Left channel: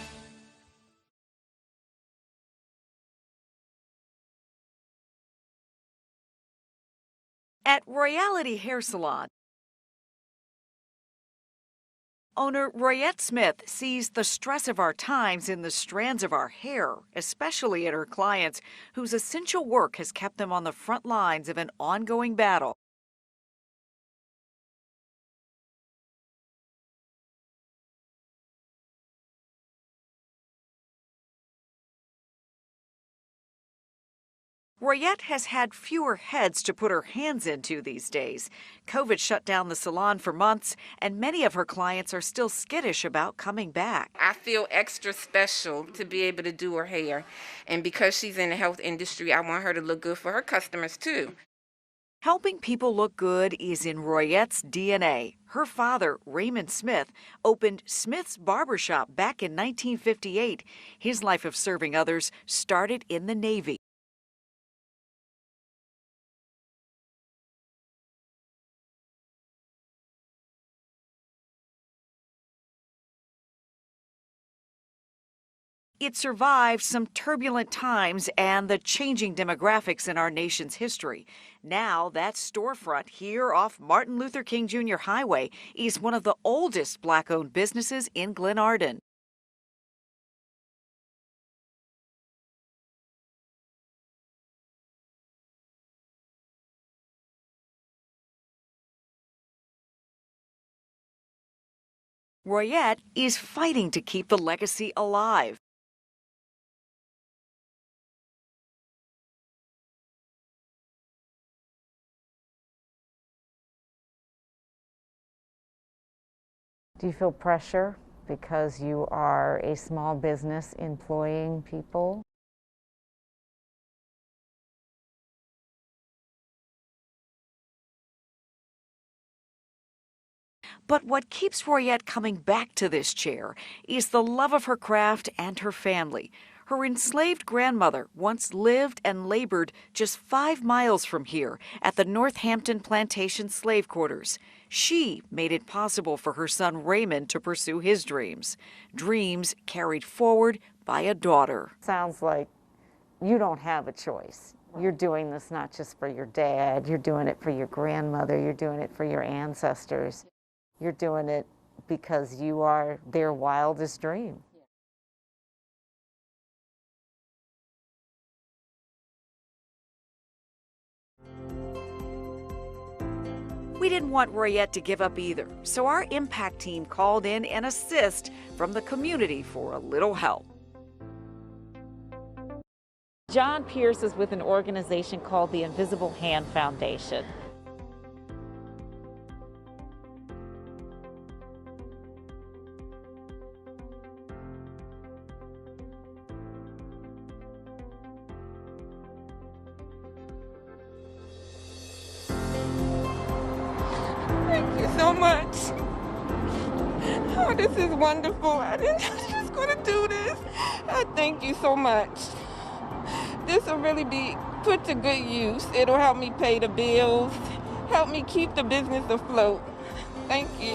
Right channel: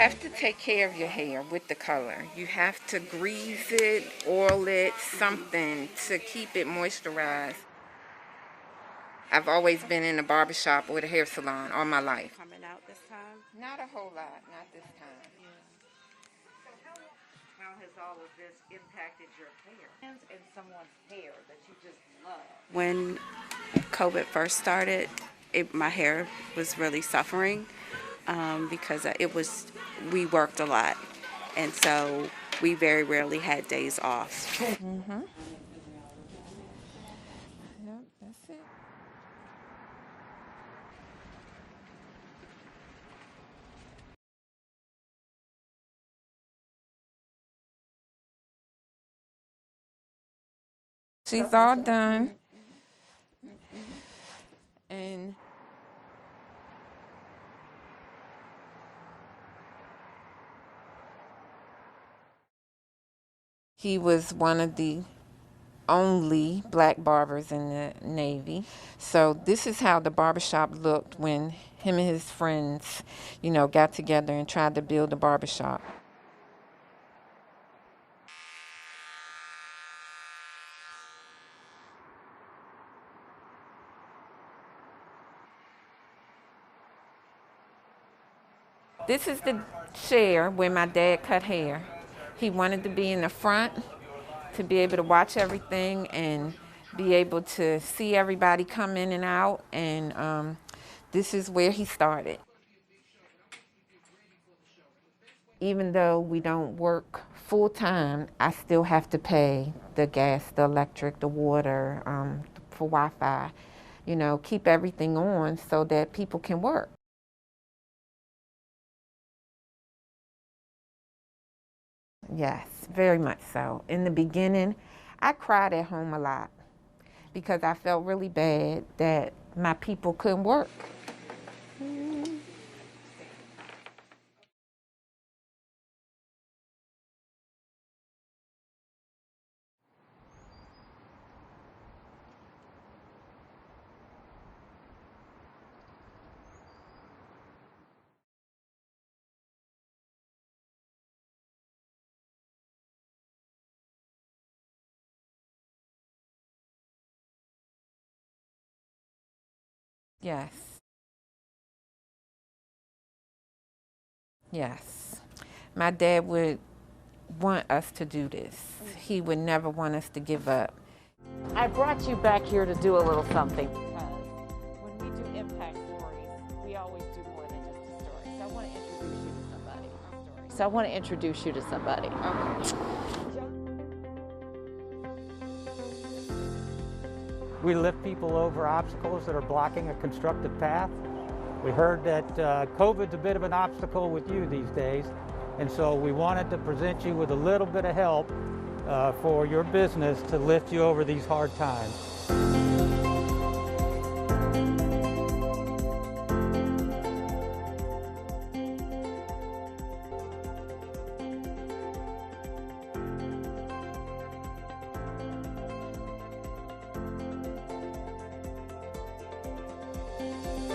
have to take care of your hair with the color. You have to grease it, oil it, something to keep it moisturized. At Royality Hair Salon, I've always been in a barbershop or a hair salon all my life. owner Royette Smith sees the stress of our times in the strands of our hair, especially in her clients, whose essential work has kept them on the front lines of an ongoing battle. When COVID first started, my hair was really suffering because we worked a lot, and so we very rarely had days off. Royette has had fewer heads to put her hands into these days. COVID shut down the salon for months, and many of her clients are still skittish about coming back. I feel extra special to be able to do her hair, and because she's in the health industry, I want her to look good for her customers too. She's all done. Helping people look good is in Royette's DNA. Her father, Raymond Smith, opened Smith's Barbershop back in 1958. His life of serving others started in the Navy. He was one of the only black barbers in the Navy. So this is how the barbershop looked when him and his friends, got together and tried to build a barbershop. It survived some turbulent times and the changing demographics in our nation's history. Now that storefront here off Martin Luther King Jr. Highway is one of the oldest black-owned businesses in Glenarden. This is the chair where my dad cut hair. He wanted to be in the front to be able to watch everything and be able to see everybody come in and out, and this is where he started. Royette is fighting to keep the legacy alive. Even though we don't work full-time, I still have to pay the gas, the electric, the water, for Wi-Fi, keep everything on so that people can work. Do you feel pressure because you are a small business employing people? Yes, very much so. In the beginning, I cried at home a lot because I felt really bad that my people couldn't work. But what keeps Royette coming back to this chair is the love of her craft and her family. Her enslaved grandmother once lived and labored just 5 miles from here at the Northampton Plantation slave quarters. She made it possible for her son Raymond to pursue his dreams carried forward by a daughter. Sounds like you don't have a choice. You're doing this not just for your dad, you're doing it for your grandmother, you're doing it for your ancestors. Yes. You're doing it because you are their wildest dream. Yes. My dad would want us to do this. He would never want us to give up. I brought you back here to do a little something. We didn't want Royette to give up either, so our impact team called in an assist from the community for a little help. So I want to introduce you to somebody. Okay. John Pierce is with an organization called the Invisible Hand Foundation. We lift people over obstacles that are blocking a constructed path. We heard that COVID's a bit of an obstacle with you these days, and so we wanted to present you with a little bit of help for your business to lift you over these hard times. Thank you so much. Oh, this is wonderful. I didn't know she was going to do this. I thank you so much. This will really be put to good use. It'll help me pay the bills, help me keep the business afloat. Thank you.